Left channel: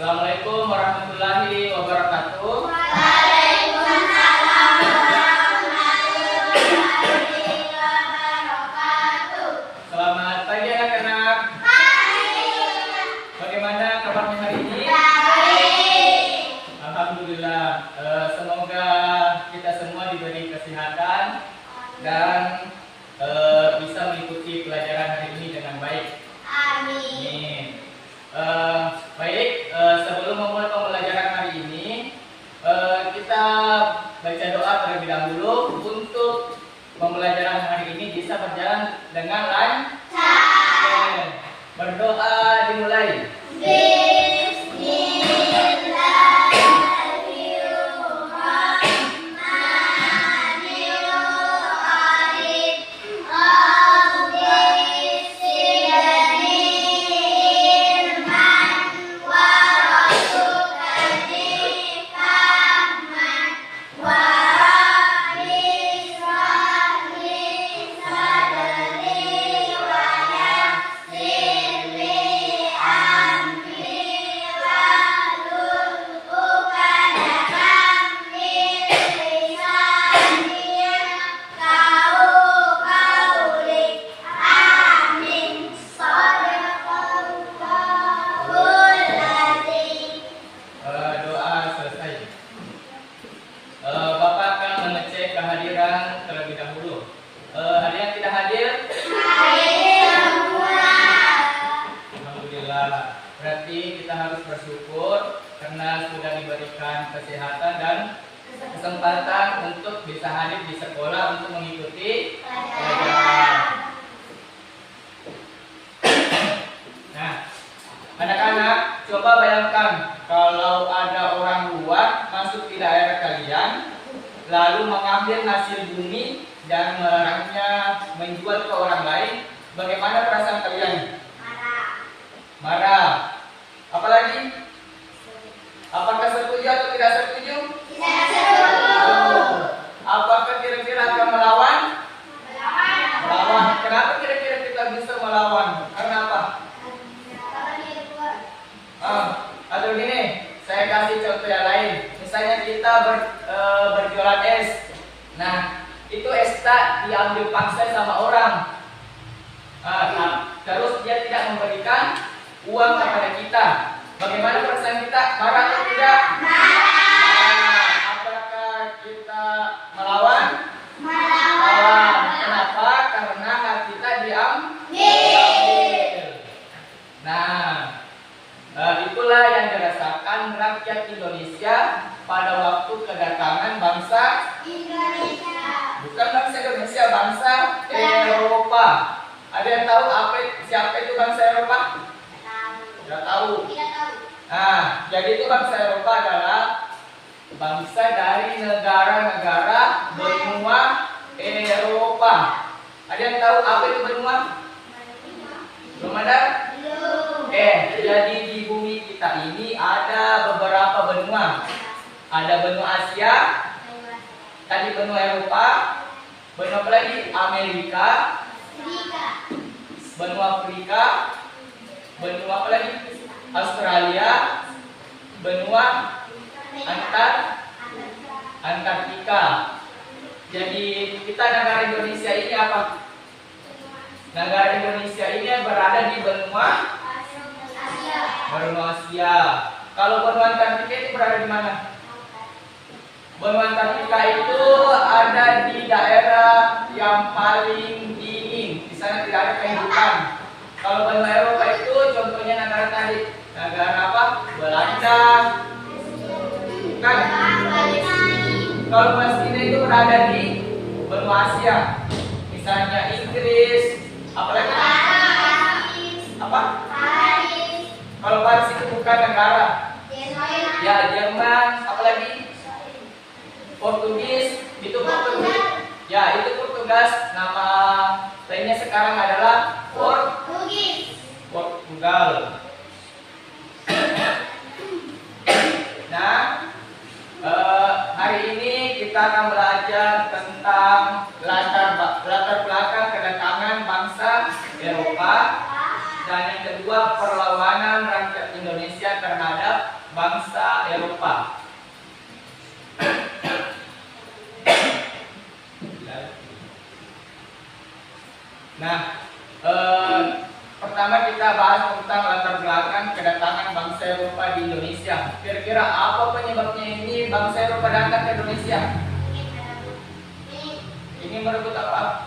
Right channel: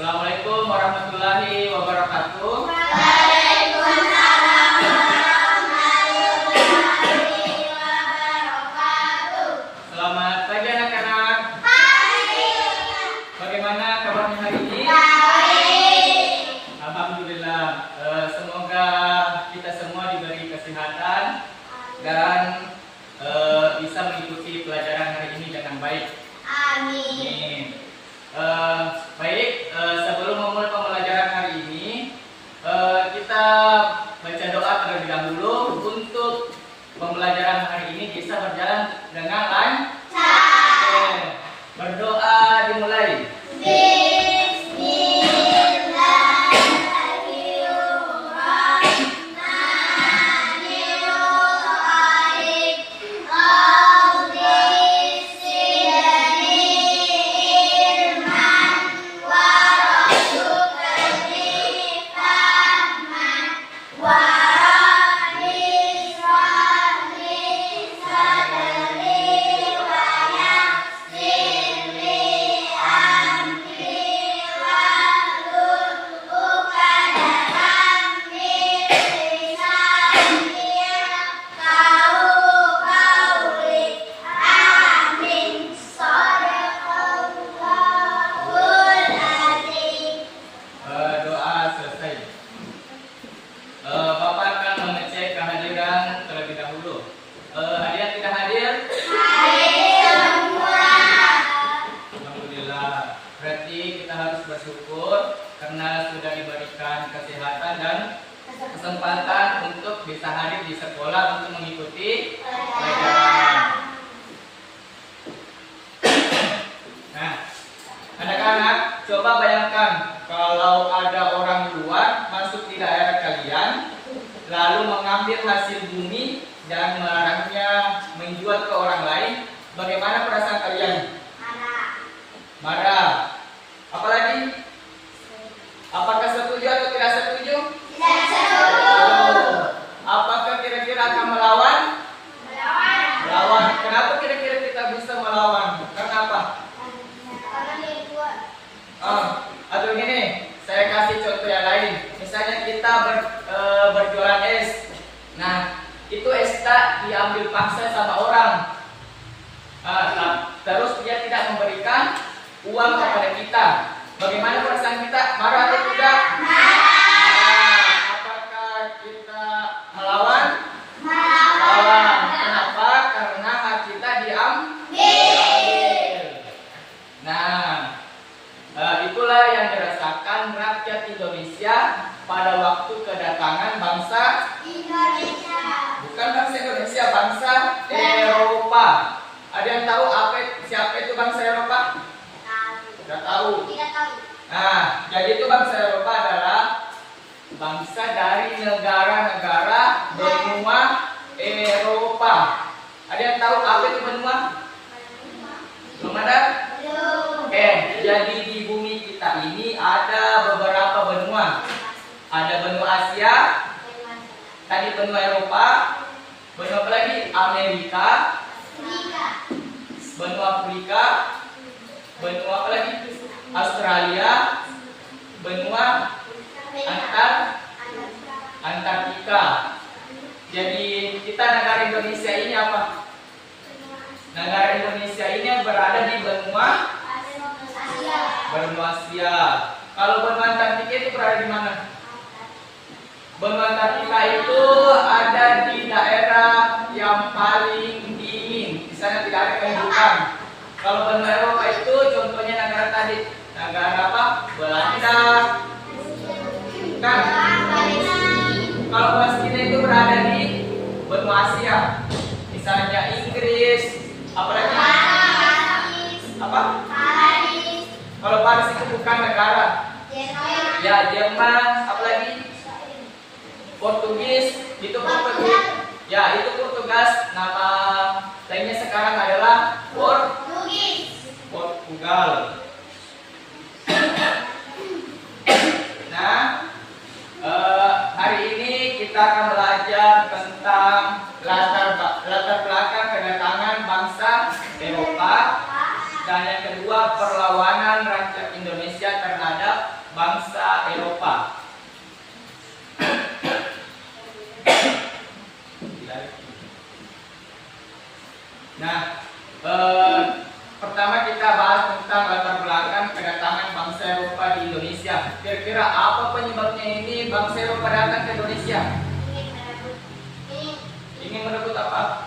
Assalamualaikum warahmatullahi wabarakatuh. Waalaikumsalam warahmatullahi wabarakatuh. Selamat pagi anak-anak. Pagi. Bagaimana kabarnya hari ini? Baik. Alhamdulillah. Semoga kita semua diberi kesehatan dan bisa mengikuti pelajaran hari ini dengan baik. Amin. Baik, sebelum memulai pembelajaran hari ini, kita baca doa terlebih dahulu untuk pembelajaran hari ini bisa berjalan dengan lancar. Oke, berdoa dimulai. Bapak akan mengecek kehadiran terlebih dahulu. Hadirin tidak hadir? Hadir semua. Alhamdulillah. Berarti kita harus bersyukur karena sudah diberikan kesehatan dan kesempatan untuk bisa hadir di sekolah untuk mengikuti pelajaran. Nah, anak-anak, coba bayangkan kalau ada orang luar masuk di daerah kalian, lalu mengambil hasil bumi dan melarangnya menjual ke orang lain, bagaimana perasaan kalian? Marah. Apalagi? Apakah setuju atau tidak setuju? Tidak setuju. Apakah kira-kira akan melawan? Melawan. Kenapa kira-kira kita bisa melawan? Karena apa? Atau gini, saya kasih contoh yang lain. Misalnya kita berjualan es. Nah, itu es tak diambil paksa sama orang. Terus dia tidak memberikan uang kepada kita. Bagaimana perasaan kita? Marah atau tidak? Marah. Apakah kita melawan? Melawan. Kenapa? Karena hak kita diambil. Nah, itulah yang dirasakan rakyat Indonesia pada waktu kedatangan bangsa Indonesia. bukan bangsa Indonesia, bangsa Eropa. Ada yang tahu siapa itu bangsa Eropa? Tidak tahu. Nah, jadi itu bangsa Eropa adalah bangsa dari negara-negara benua Eropa. Ada yang tahu apa itu benua? Belum ada? Jadi di bumi kita ini ada beberapa benua. Ada benua Asia, tadi benua Eropa, benua apa lagi? Amerika, benua Afrika, benua apa lagi? Australia, benua Antartika. Jadi kita negara Indonesia ini apa? Negara Indonesia ini berada di benua Asia. Kalau benua Antartika itu berada di mana? Benua Antartika itu ada di daerah yang paling dingin. Di sana tidak ada kehidupan. Kalau benua Eropa itu contohnya negara tadi, negara apa? Belanda. Kan? Kalau Palestina itu berada di benua Asia. Misalnya Inggris, apalagi? Apa? Kalau Paris itu bukan negara. Ya, Jerman, apalagi? Portugis, itu Portugis. Ya, itu Portugas. Nama lainnya sekarang adalah Portugal. Nah, hari ini kita akan belajar tentang latar belakang kedatangan bangsa Eropa. Dan yang kedua, perlawanan rakyat Indonesia terhadap bangsa Eropa. Nah, pertama kita bahas tentang latar belakang kedatangan bangsa Eropa di Indonesia. Kira-kira apa penyebabnya ini bangsa Eropa datang ke Indonesia? Ingin merebut apa?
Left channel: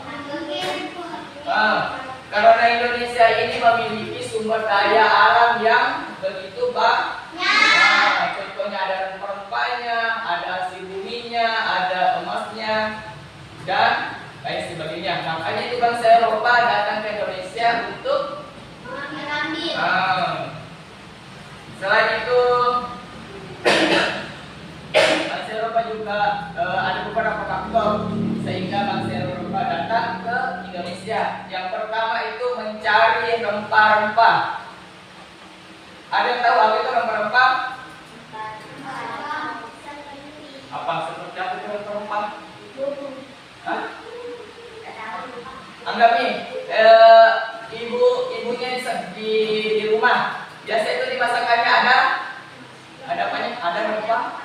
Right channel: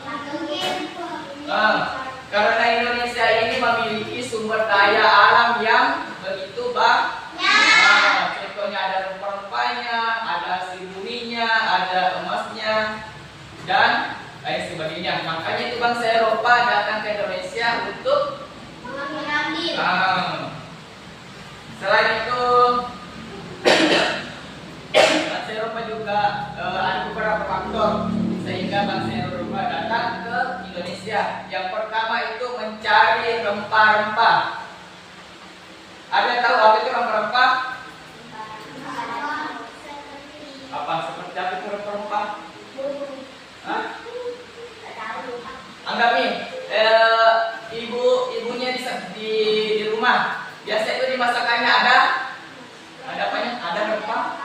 Karena Indonesia ini memiliki sumber daya alam yang begitu banyak. Contohnya ada rempah-rempahnya, ada hasil buminya, ada emasnya, dan lain sebagainya. Makanya itu bangsa Eropa datang ke Indonesia untuk selain itu bangsa Eropa juga ada beberapa faktor sehingga bangsa Eropa datang ke Indonesia. Yang pertama itu mencari rempah-rempah. Ada yang tahu apa itu rempah-rempah? Apa seperti apa itu rempah-rempah? Hah? Anggap nih, ibunya di rumah. Biasa itu di masakannya ada apanya? Ada rempah.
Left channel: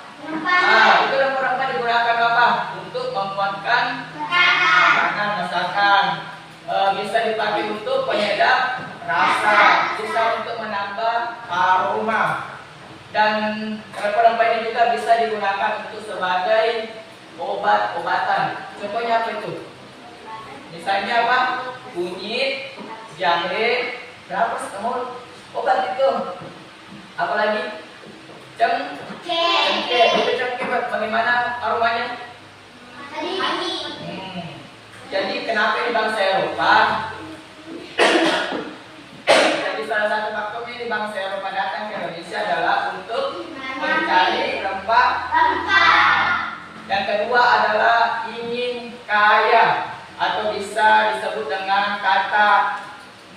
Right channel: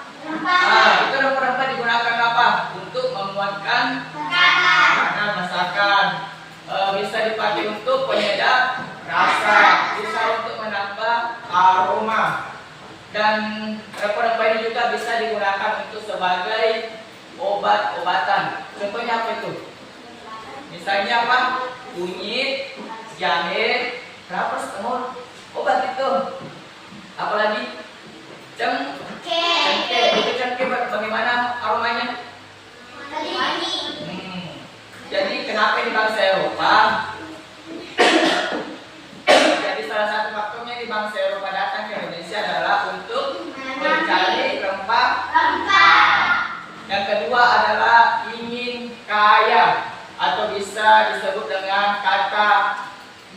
Itu rempah-rempah digunakan apa? Untuk menguatkan makanan, masakan. Bisa dipakai untuk penyedap rasa, bisa untuk menambah aroma. Dan rempah-rempah ini juga bisa digunakan untuk sebagai obat-obatan. Contohnya apa itu? Misalnya apa? Kunyit, jahe, berapa semua obat itu. Apalagi cengkeh. Itu cengkeh bagaimana aromanya? Jadi kenapa di bangsa Eropa? Jadi salah satu faktornya di bangsa Eropa datang ke Indonesia adalah untuk mencari rempah. Yang kedua adalah ingin kaya atau bisa disebut dengan kata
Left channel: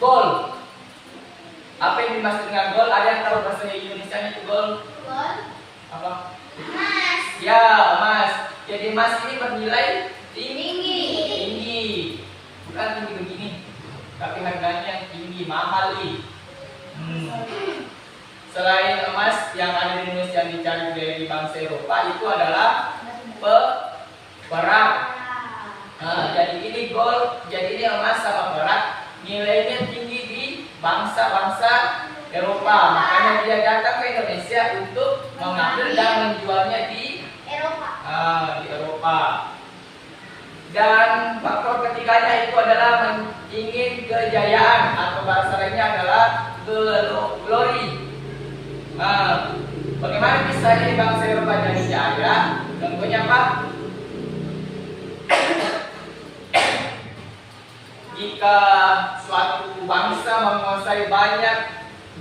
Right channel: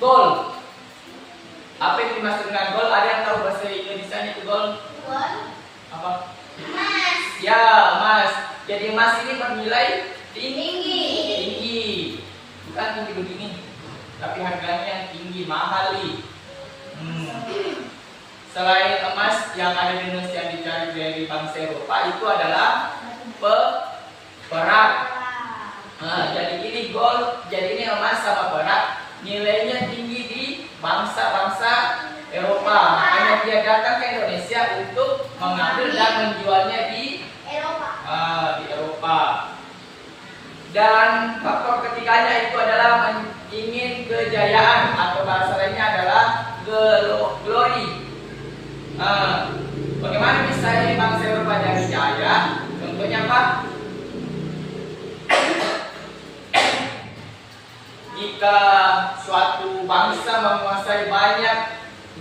gold. Apa yang dimaksud dengan gold? Ada yang tahu bahasa Indonesia itu gold? Apa? Ya, emas. Jadi emas ini bernilai tinggi. Bukan tinggi begini, tapi harganya yang tinggi, mahal nih. Selain emas yang ada di Indonesia yang dicari dari bangsa Eropa itu adalah perak. Jadi ini gold, jadi ini emas sama perak nilainya tinggi di bangsa-bangsa Eropa. Makanya dia datang ke Indonesia untuk mengambil dan menjualnya di Eropa. Dan faktor ketiganya itu adalah ingin kejayaan atau bahasa lainnya adalah glory. Bagaimana bisa ini bangsa Eropa jadi jaya? Contohnya apa? Jika suatu bangsa menguasai banyak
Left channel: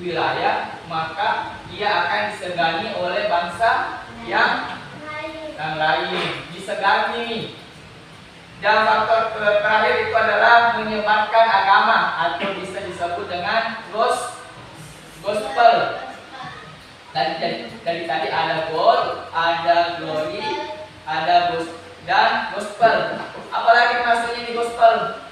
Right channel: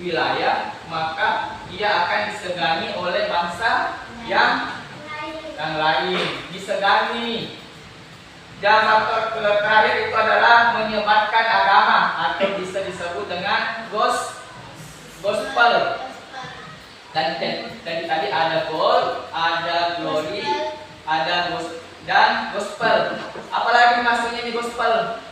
wilayah, maka dia akan disegani oleh bangsa yang lain. Disegani. Dan faktor terakhir itu adalah menyebarkan agama atau bisa disebut dengan gospel. Dari tadi ada gold, ada glory, ada dan gospel. Apalagi maksudnya ini gospel?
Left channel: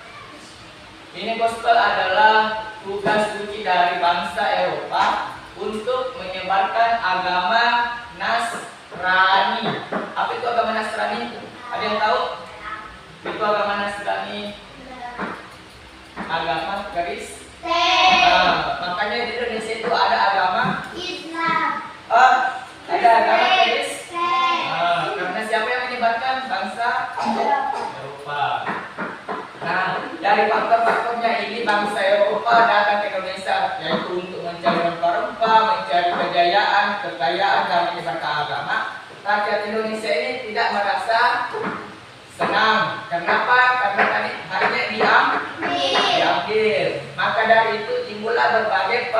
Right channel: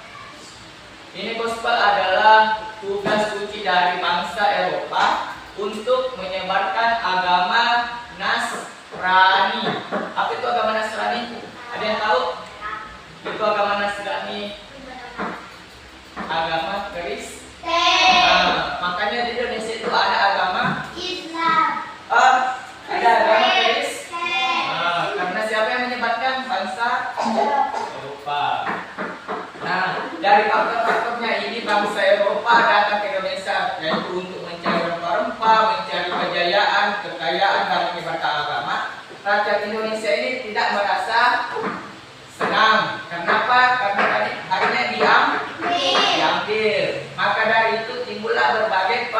Ini gospel adalah tugas suci dari bangsa Eropa untuk menyebarkan agama Nasrani. Apa itu agama Nasrani? Ada yang tahu? Itu agama Nasrani, agama Kristen. Makanya di Indonesia itu ada agama Islam. Ada agama Kristen. Karena siapa yang menyebarkan? Bangsa Eropa. Nah, dari faktor-faktornya ini bangsa Eropa datang ke Indonesia, yaitu untuk mencari rempah-rempah, mencari kejayaan, kekayaan, dan menyebarkan agama. Rakyat Indonesia ini tidak merasa senang. Kenapa? Karena tadi hanya diambil. Maka dari itu timbullah berbagai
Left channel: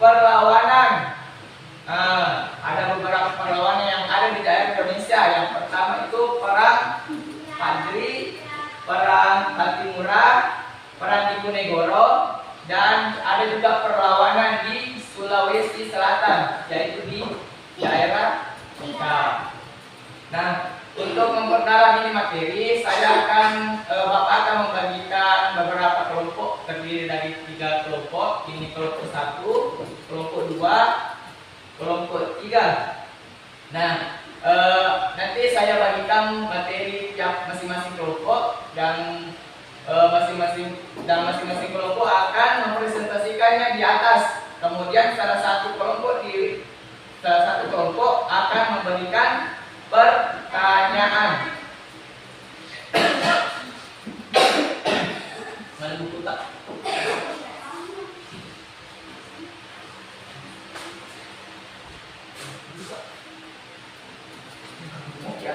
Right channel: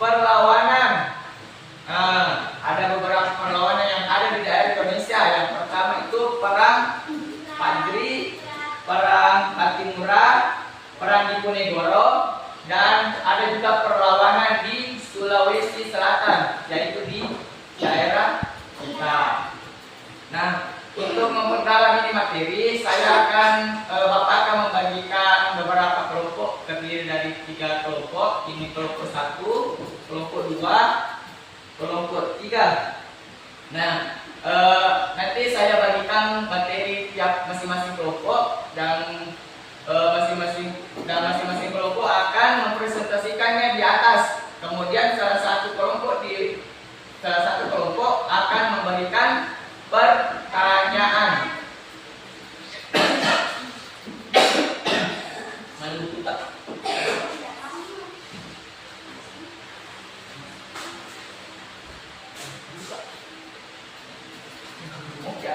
perlawanan. Ada beberapa perlawanan yang ada di daerah Indonesia. Yang pertama itu perang Padri, perang Patimura, perang Diponegoro, dan ada juga perlawanan di Sulawesi Selatan, yaitu di daerah kita. Nah, untuk memperdalam ini materi, Bapak akan membagikan beberapa kelompok terdiri terdiri dari 3 kelompok. Ini kelompok 1, kelompok 2, kelompok 3. Nah, nanti saya bagikan materi tiap masing-masing kelompok dan masing-masing kelompok akan mempresentasikannya di atas. Kemudian salah satu kelompok akan memberikan pertanyaan. Mana buku tak? Oke.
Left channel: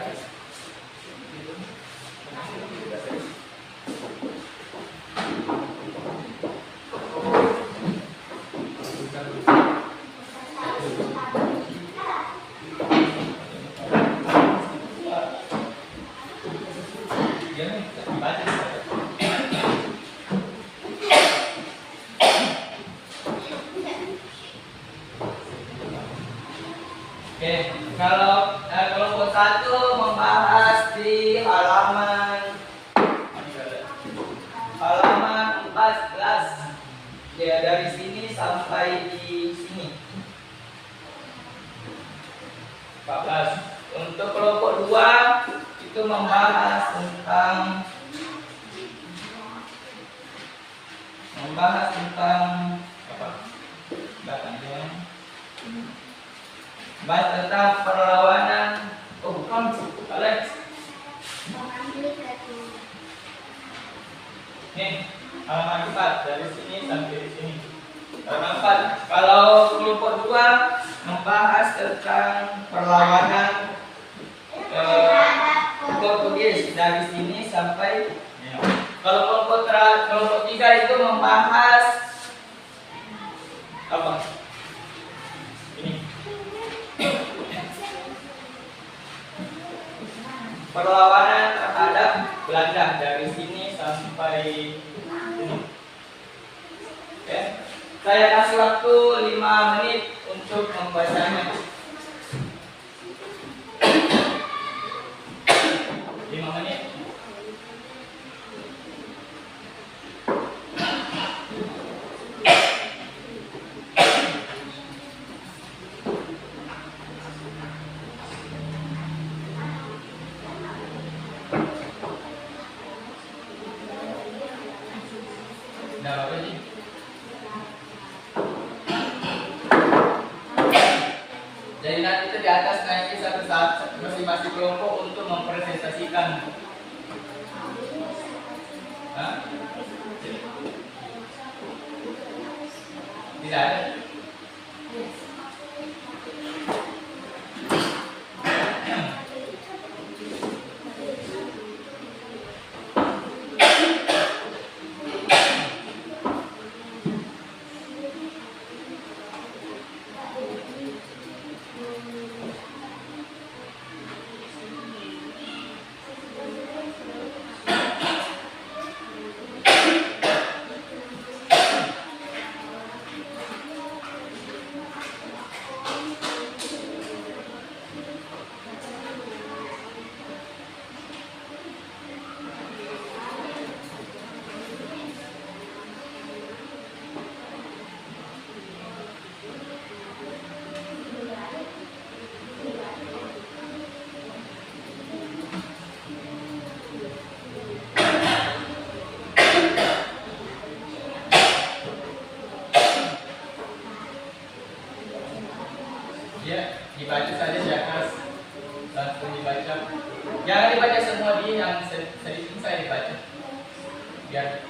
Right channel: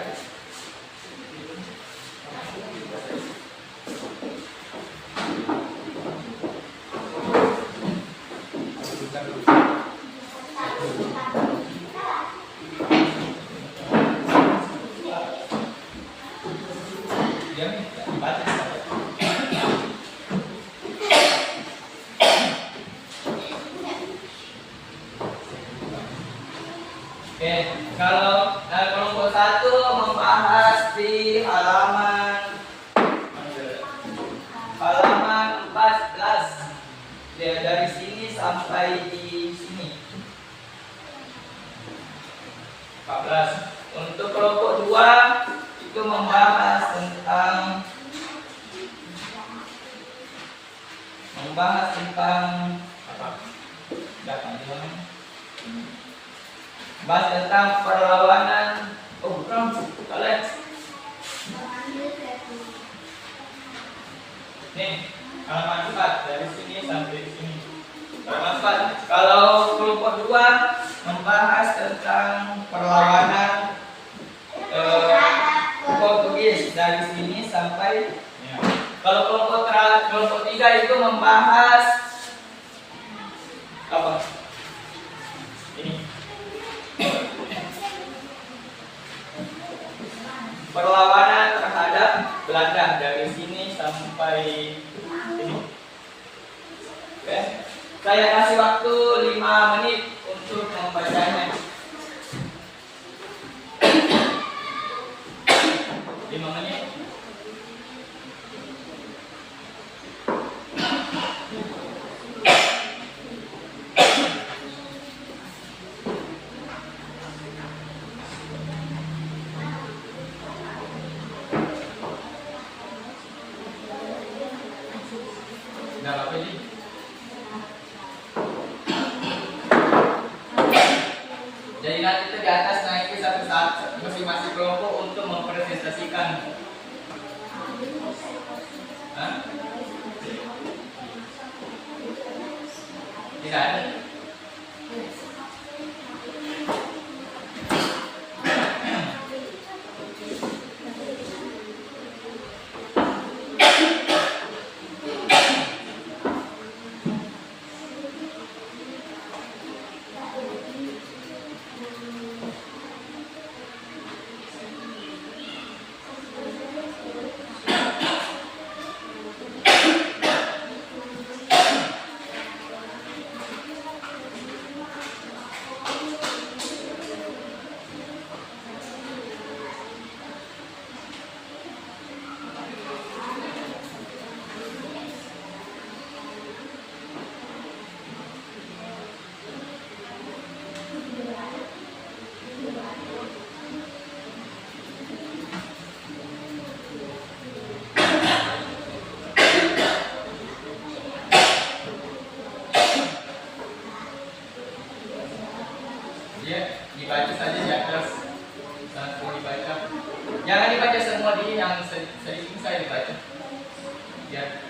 Oke, kalau kelompok 1 membahas di halaman 14. Ya, dari sini sampai di sini. 14. Untuk kelompok 2 itu membahas tentang apa? Bahas tentang perlawanan. Oh, bukan, Alex. Nih, halaman 4 dari sini sampai di sini. Halaman 4. Kalau kelompok 2 membahas tentang perlawanan Portugis dari sini sampai. Kalau kelompok 3 itu membahas apa? Ini. Perlawanan terhadap Belanda dari sini sampai sini. Oke. Saya kasih waktu 5 menit untuk membacanya. 5 menit. Udah apa sih? Jadi nanti itu di atas nanti satu saat masing-masing kelompok untuk mempresentasikan. Hah? Tidak ada. Ya, dibaca saja di atas. Langsung dibaca. Jangan dibaca semua di yang sedikit saya dibaca. Biar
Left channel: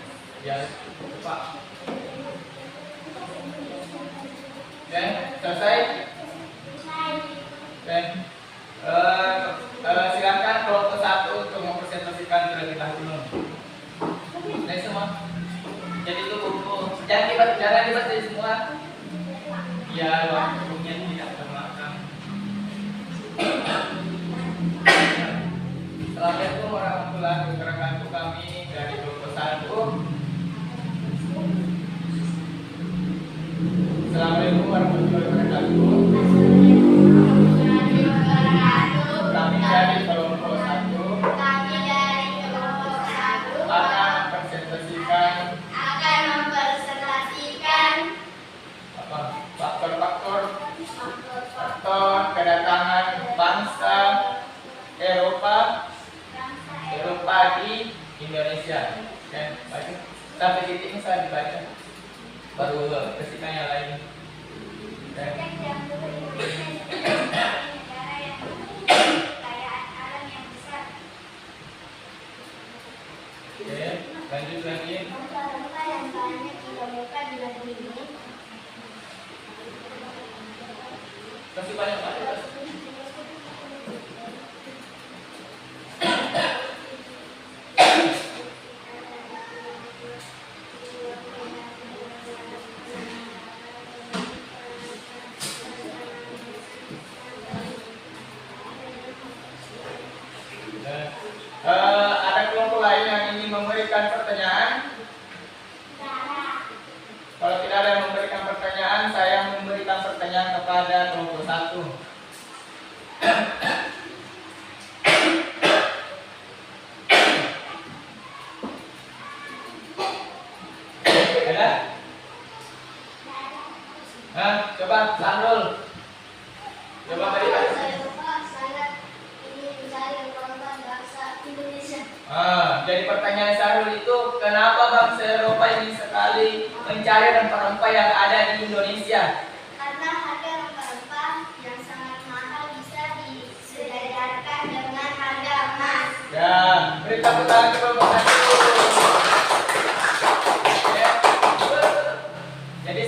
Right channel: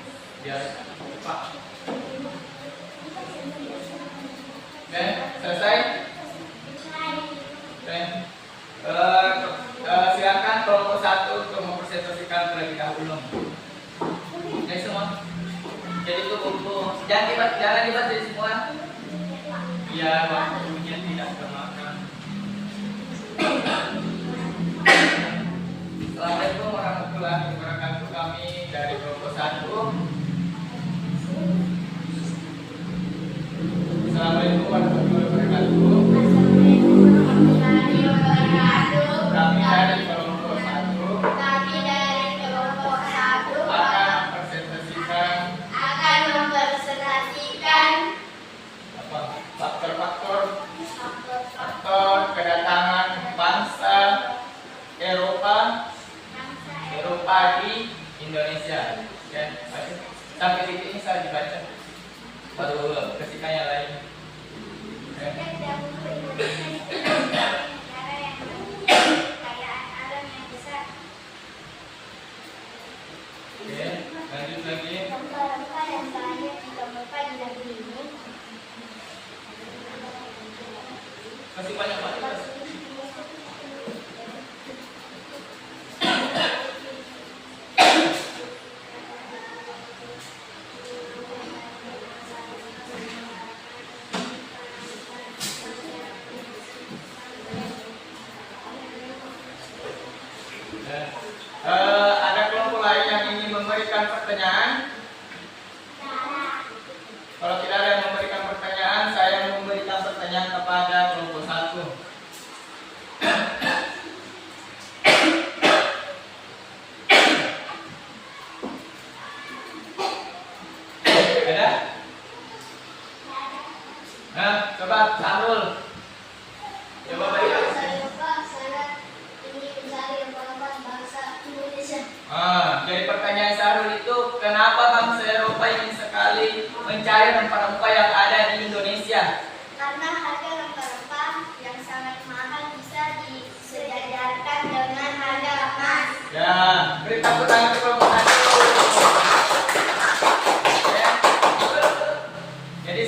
cepat. Oke, selesai? Oke. Silakan kelompok 1 untuk mempresentasikan terlebih dahulu. Dari semua. Jadi itu buku. Jangan dibaca semua. Biar waktunya tidak termakan. Assalamualaikum warahmatullahi wabarakatuh. Kami dari kelompok 1. Assalamualaikum warahmatullahi wabarakatuh. Kami dari kelompok 1 akan mempresentasikan baru bersihkan yang lain. Oke. Sejak dahulu Indonesia sebagai negara yang memiliki kekayaan alam yang besar. Oke, lanjut lagi. Rempah-rempah yang banyak ditemukan di negeri ini Kasih banyak-banyak. Ada kelompok lain yang ingin memberikan pertanyaan? Kalau tidak ada yang memberikan pertanyaan, saya memberikan pertanyaan kepada kelompok 1. Ada? Coba Sanul. Coba berikan. Jadi pertanyaan Sarul itu, kenapa bangsa Eropa ingin sekali mencari rempah-rempah yang ada di Indonesia? Karena harga rempah-rempah yang sangat mahal bisa disejajarkan dengan harga emas. Ya, beri tepuk tangan ke kelompok 1. Oke. Jadi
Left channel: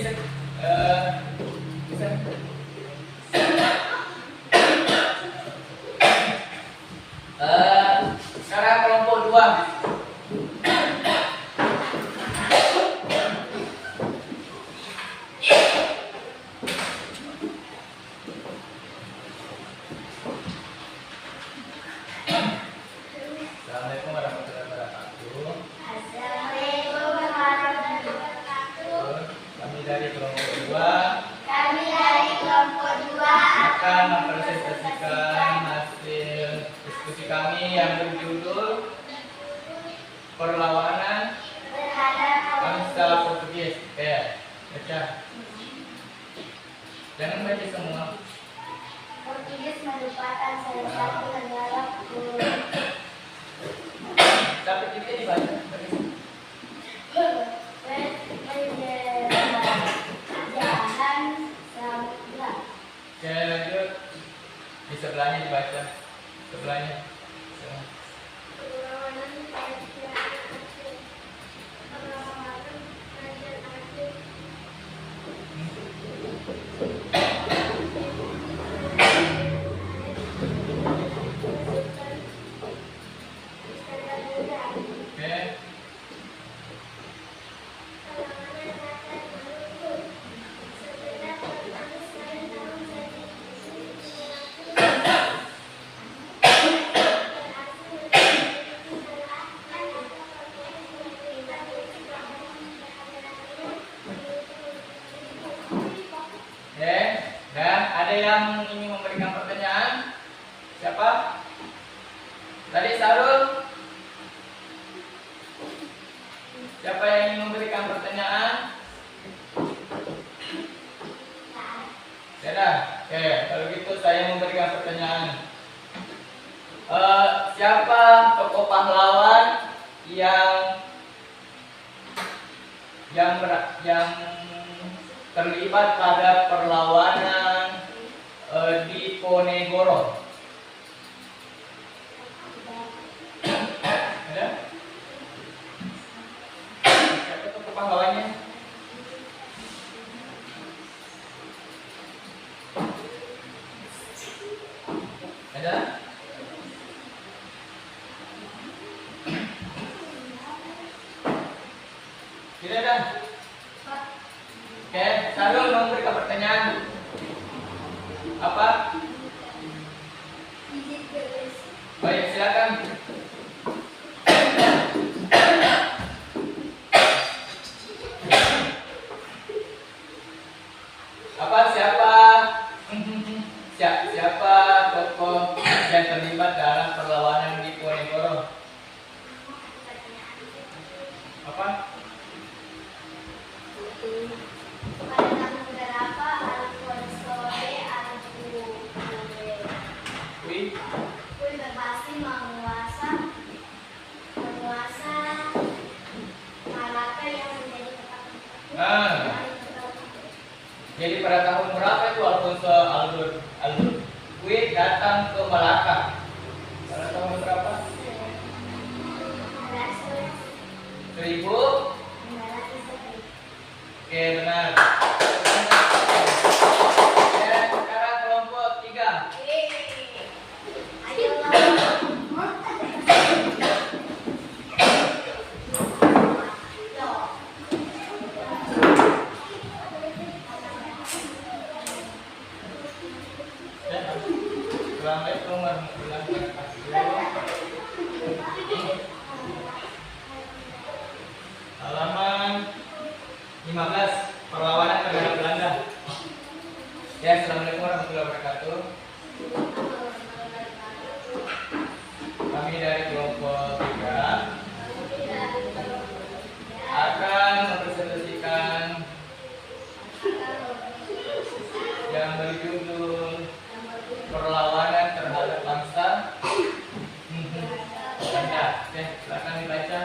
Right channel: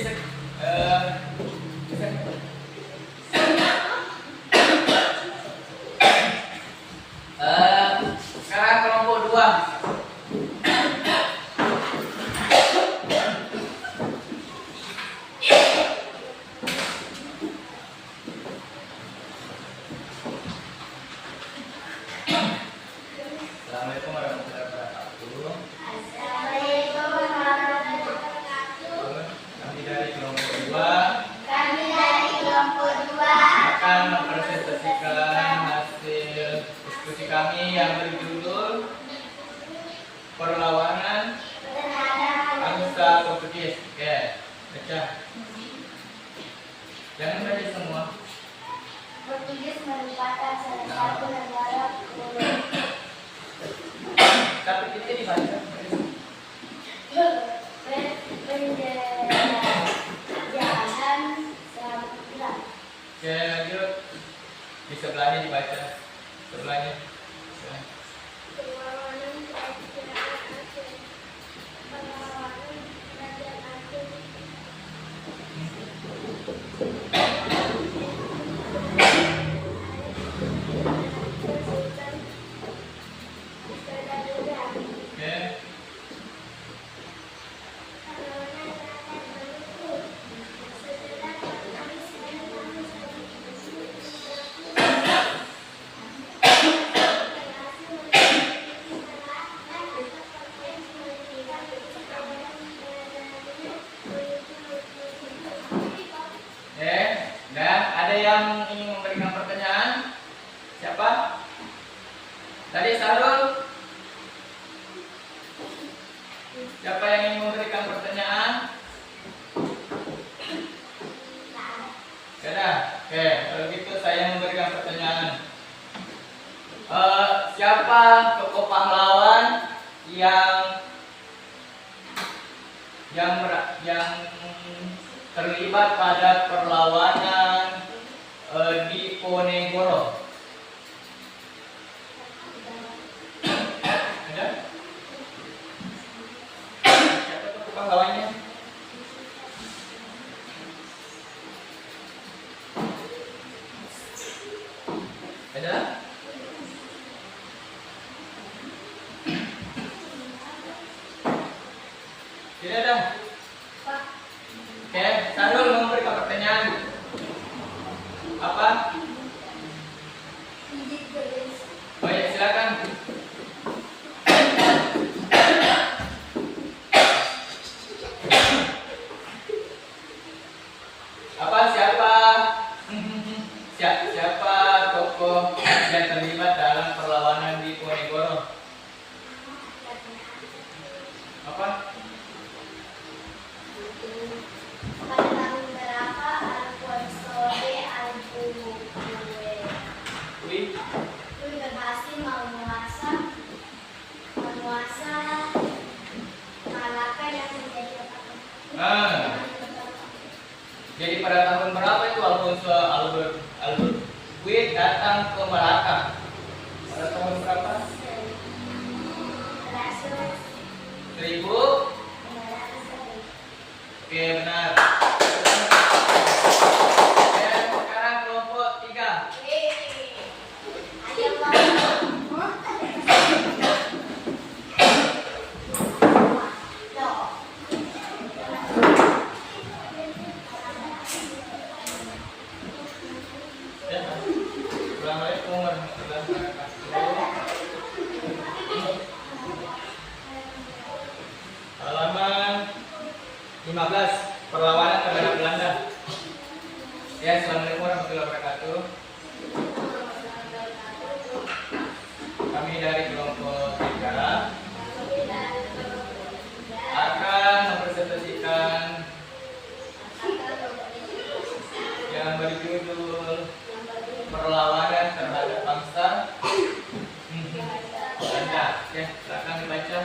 sekarang kelompok 2. Assalamualaikum warahmatullahi wabarakatuh. Assalamualaikum warahmatullahi wabarakatuh. Kami dari kelompok 2 Kami dari kelompok 2 akan mempresentasikan hasil diskusi kami yang berjudul Perlawanan terhadap Bangsa Portugis. Oke, baca. Jangan baca semua. Portugis merupakan salah satu negara kolonial Tapi kita dibaca. penjajahan samudra. Oke, lanjut. Di sebelahnya dibaca. Sebelahnya. Ya. Oke. Oke, dan ada yang ingin memberikan pertanyaan? Siapa? Tadi Sarul? Siapa yang ingin memberikan pertanyaan? Sudah. Oke, kalau gitu saya memberikan pertanyaan. Siapa tokoh pahlawan yang terlibat pada perlawanan Diponegoro? Ada? Siapa tokoh pahlawannya? Ada? Tidak ada. Oke, Sarul memberikan pertanyaan. Apa? Baik, silakan. Apa siapa? Siapa tokoh yang terlibat dalam perlawanan di Diponegoro? Apa? Wih, berhasil menguasa Malaka yang menjadi kota Jadi pada tahun berapa itu Alfonso Albert Witt datang ke Malaka? Pada tahun berapa? 1000. Oke, benar. Dan sekarang kelompok 3. Ayo kamu. Assalamualaikum warahmatullahi wabarakatuh. Halaman 15, perlawanan terhadap Belanda. Ya, assalamualaikum warahmatullahi wabarakatuh. Kami dari kelompok 3 akan mempresentasikan yang berjudul perlawanan terhadap bangsa Belanda. Ya, silakan dibaca.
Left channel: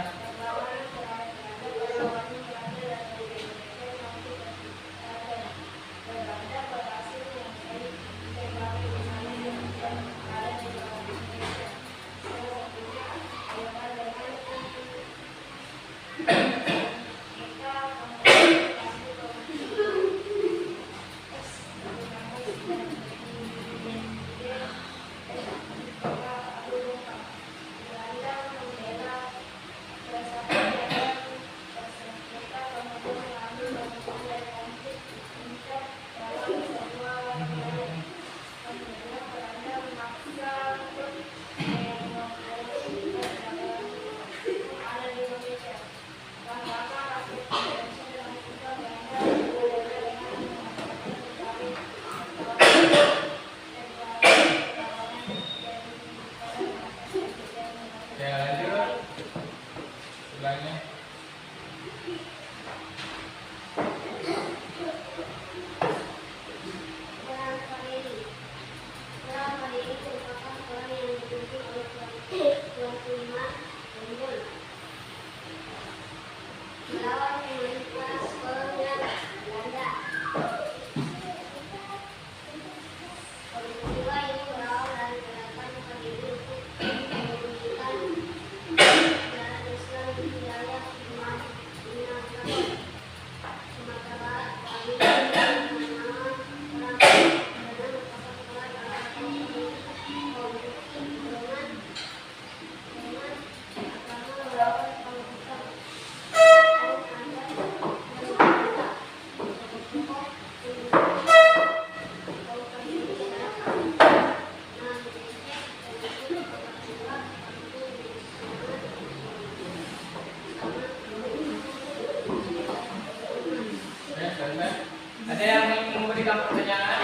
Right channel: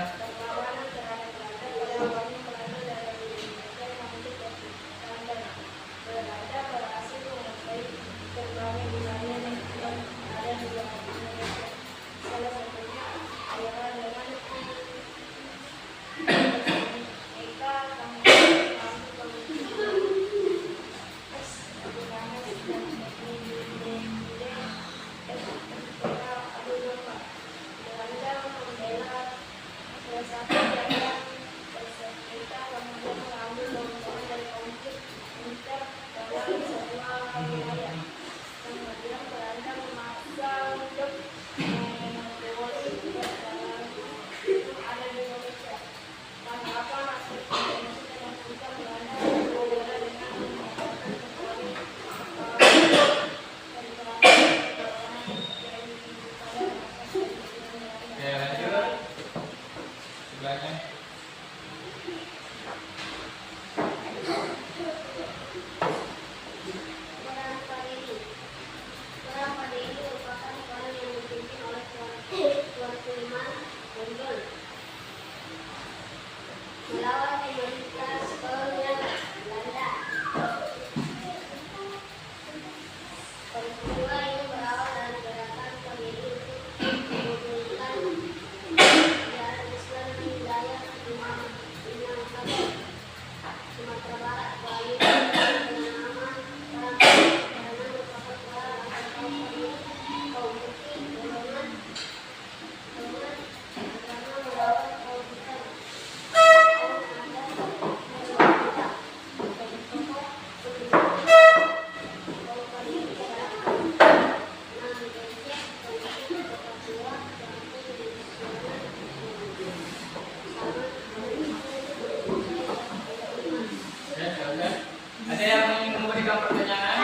Ada yang ingin memberikan pertanyaan?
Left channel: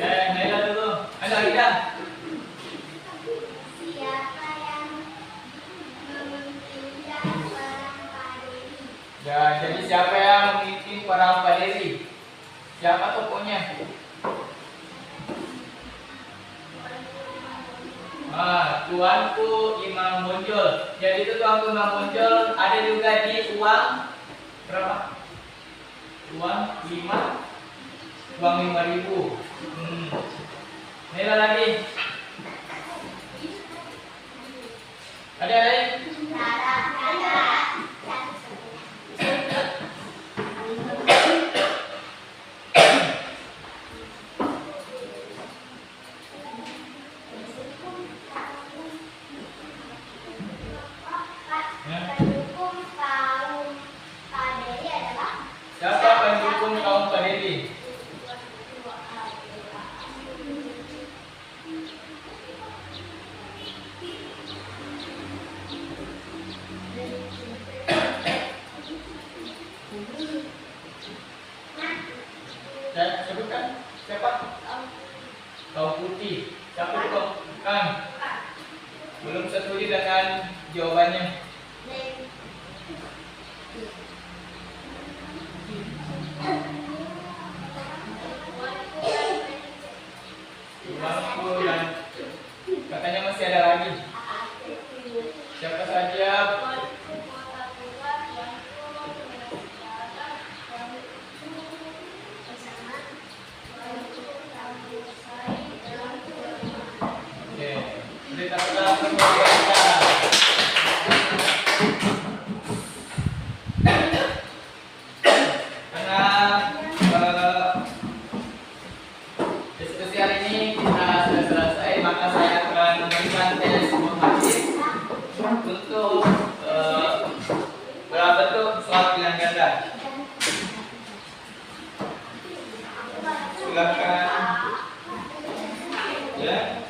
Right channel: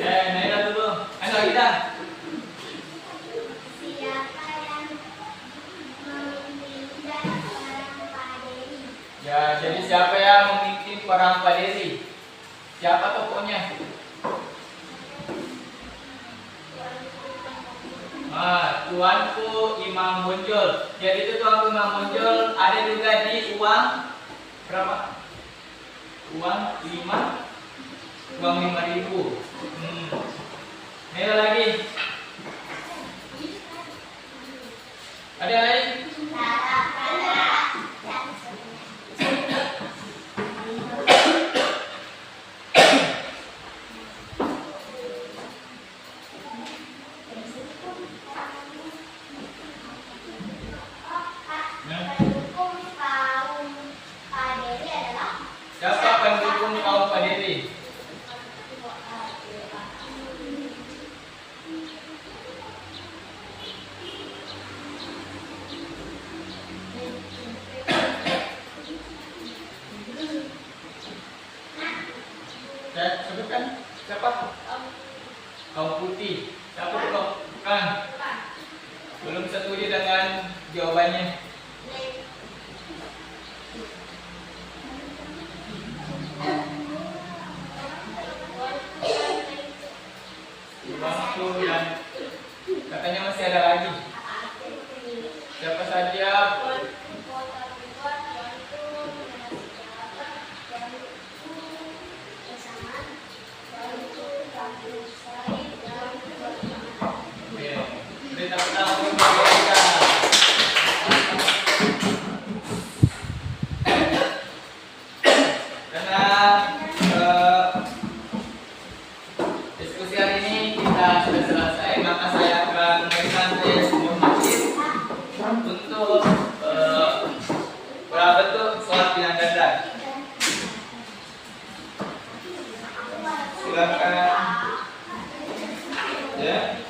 Ya, Naila dulu. Ayo kita. Siapa yang memimpin perang Paderi? Ya, jadi siapa yang memimpin perang Paderi? Siapa tokohnya? Tuanku Imam Bonjol. Jadi itu Tuanku Imam Bonjol ada juga di uang berapa? Uang 5.000. Nilai lagi. Ada lain? Pendukung kaum Paderi adalah Siapa pendukung kaum Paderi? Saya sebutkan siapa? Kaum putih. Siapa itu? Kan? Belum setuju dengan jawabannya. Waktu dan katanya masih ada lagi. Siapa saja? silakan. Ya.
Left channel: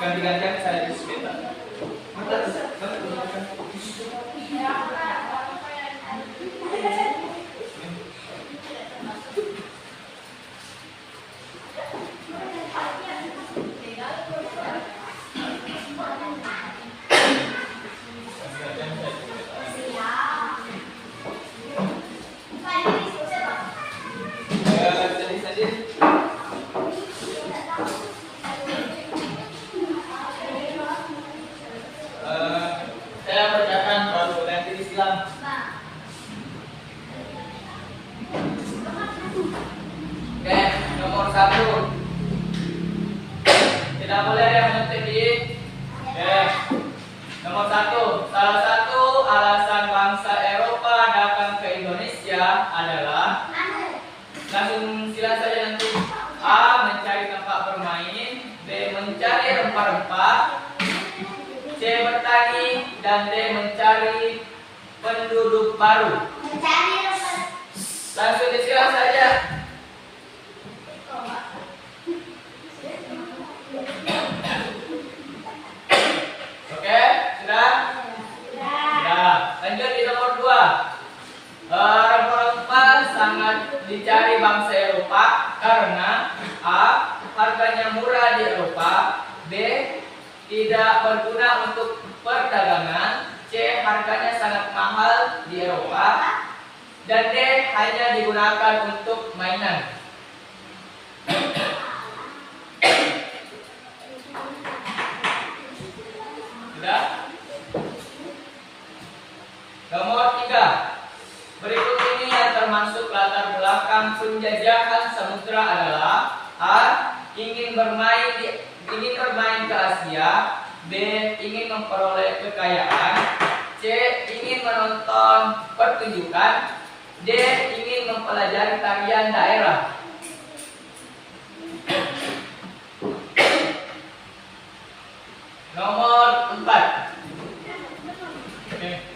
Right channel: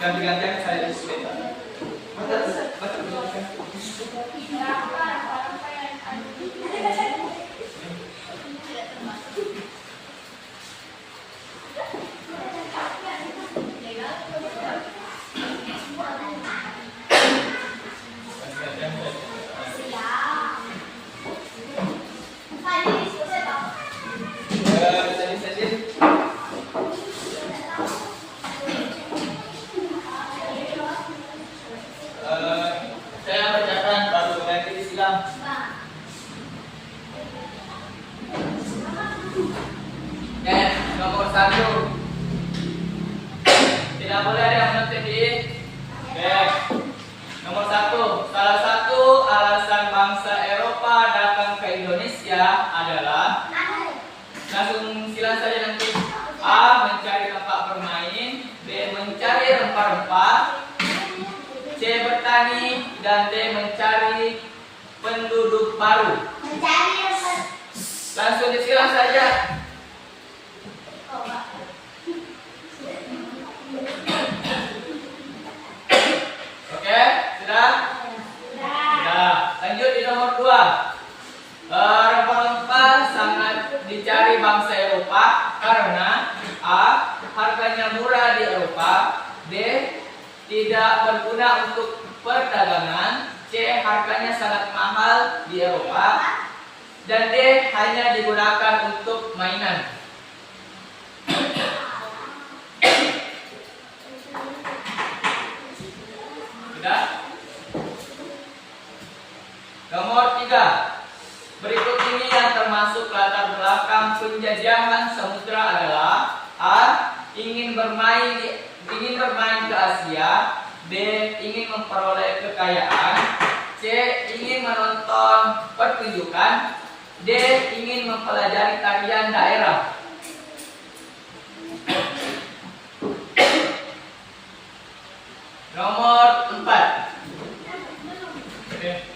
Ganti-gantian saya sebentar. Saya bacakan baru nanti disilang. Ya, nomor 1. Tidak boleh ada yang menentukan di. Nomor 1. Salah satu alasan bangsa Eropa datang ke Indonesia adalah, langsung silang saja nanti. A. Mencari tempat bermain. B. Mencari rempah-rempah. C. Bertani. Dan D. Mencari penduduk baru. Langsung disilang saja. Oke, sudah? Sudah. Lanjut di nomor 2. Rempah-rempah sangat dicari bangsa Eropa karena A. Harganya murah di Eropa. B. Tidak berguna untuk perdagangan. C. Harganya sangat mahal di Eropa. Dan D. Hanya digunakan untuk mainan. Sudah? Nomor 3. Berikut ini yang termasuk latar belakang penjajahan samudra adalah: A. Ingin bermain ke Asia. B. Ingin memperoleh kekayaan. C. Ingin menonton pertunjukan. D. Ingin mempelajari tarian daerah. Nomor 4. Oke.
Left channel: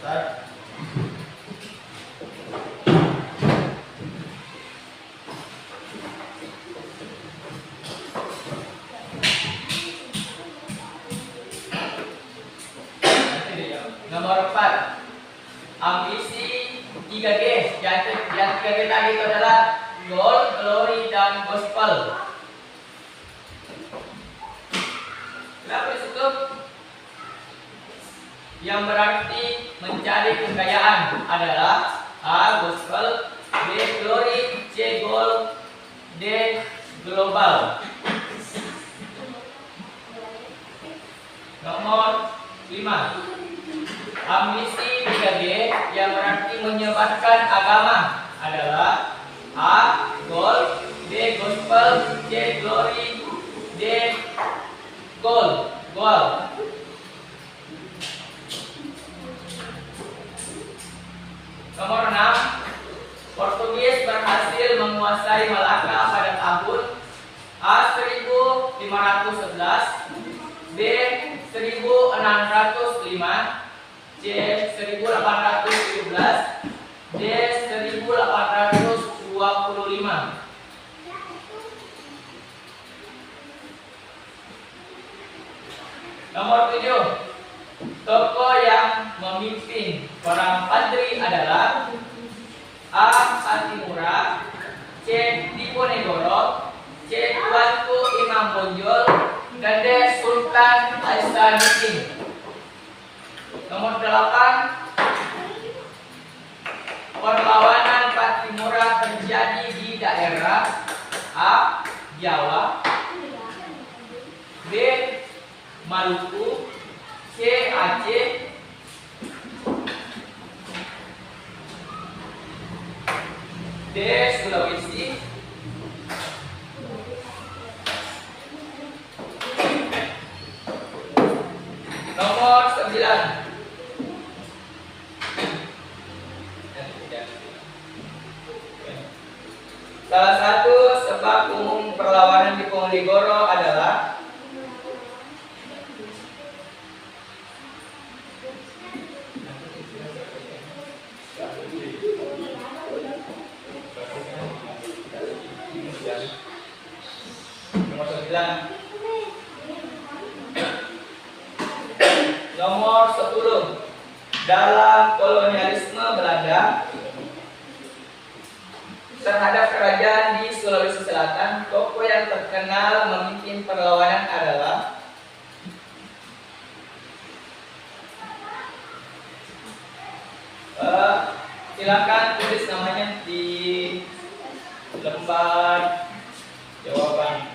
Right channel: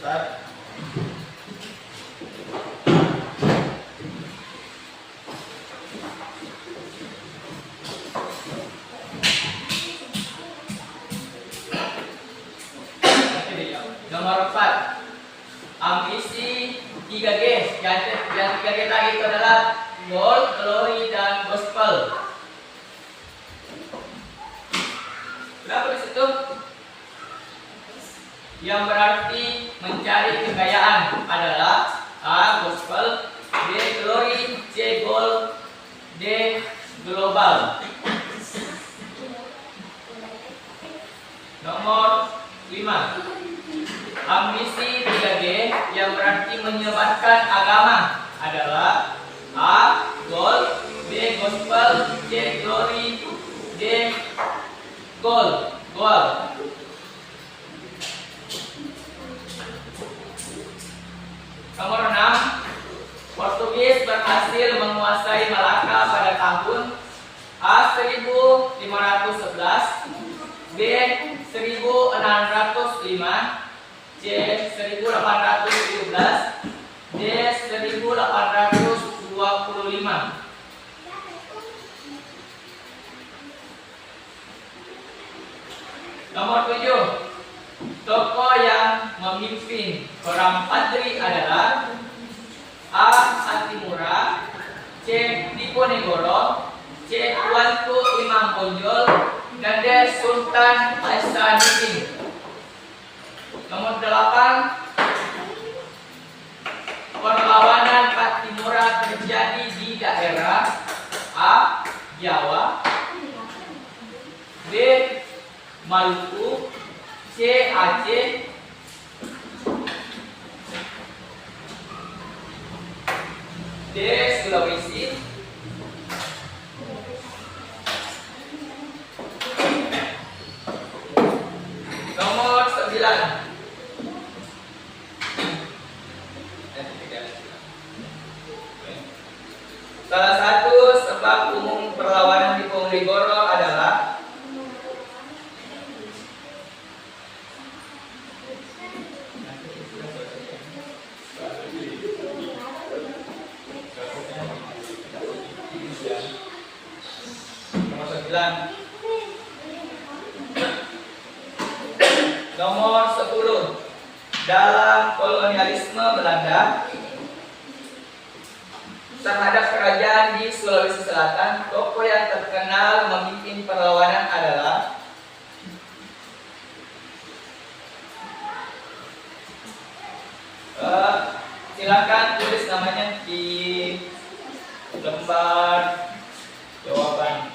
Start. Nomor 4. Ambisi 3G. Yang 3G tadi itu adalah gold, glory, dan gospel. Kenapa di situ? Yang berarti mencari kekayaan adalah A. Gospel, B. Glory, C. Gold, D. Global. Nomor 5. Ambisi 3G yang berarti menyebarkan agama adalah A. Gold, B. Gospel, C. Glory, D. Gold. Nomor 6. Portugis berhasil menguasai Malaka pada tahun A. 1511, B. 1605, C. 1817, D. 1825. Nomor 7. Tokoh yang memimpin perang Padri adalah A. Atimura, C. Diponegoro, C. Tuanku Imam Bonjol, dan D. Sultan Hasanuddin. Nomor 8. Perlawanan Patimura terjadi di daerah A. Jawa, B. Maluku, C. Aceh, D. Sulawesi, nomor 9. Salah satu sebab umum perlawanan Diponegoro adalah Nomor 10. Dalam kolonialisme Belanda terhadap kerajaan di Sulawesi Selatan, tokoh yang terkenal memimpin perlawanan adalah silakan tulis namanya di lembar jawaban.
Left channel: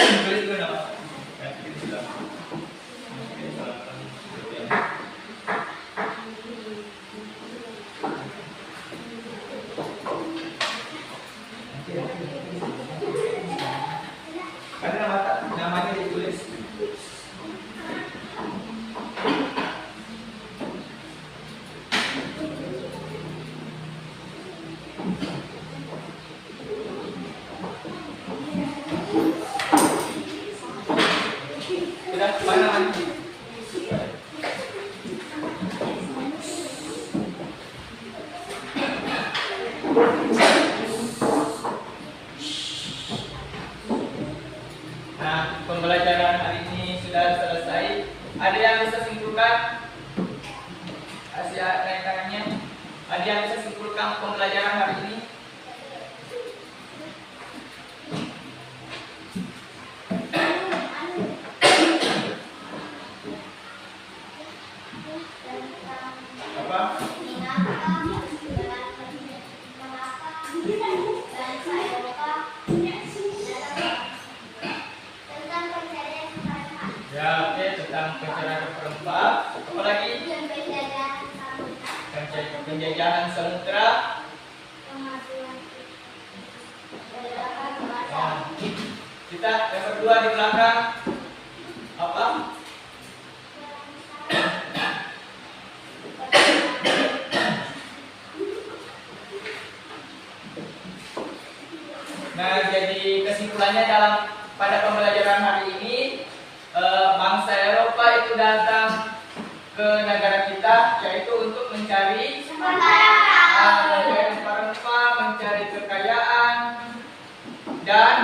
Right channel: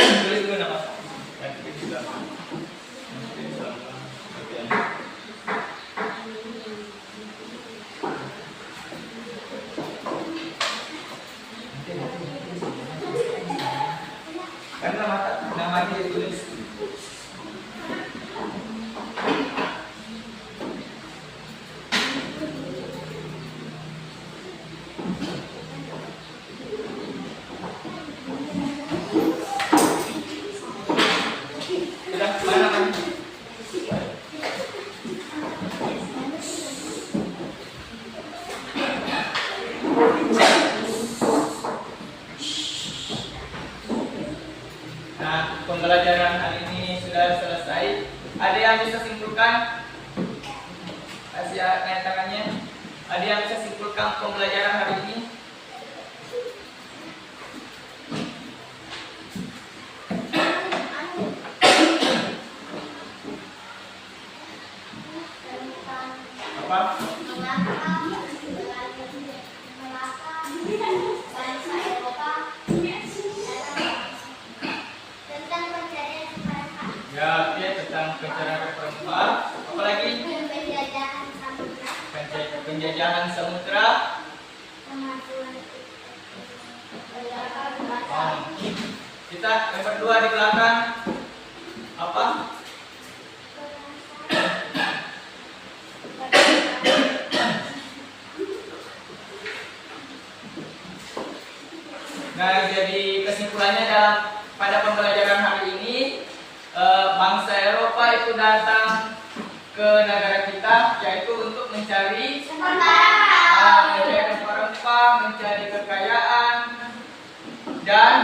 Tulis dulu nama. Nanti kita bilang. Mungkin salah. Karena namanya ditulis. Sudah mana nanti? Nah, pembelajaran hari ini sudah selesai. Ada yang bisa simpulkan? Asia naik tangannya. Ada yang bisa simpulkan pembelajaran hari ini? Apa? Ya, oke, tentang pencerahan perempat. Apa lagi? Penjajahan samudra. Kita yang berdua di belakang apa? Nah, jadi kesimpulannya pada pembelajaran hari ini, bangsa Eropa itu datang ke negara kita, yaitu untuk mencari rempah-rempah, mencari kekayaan, dan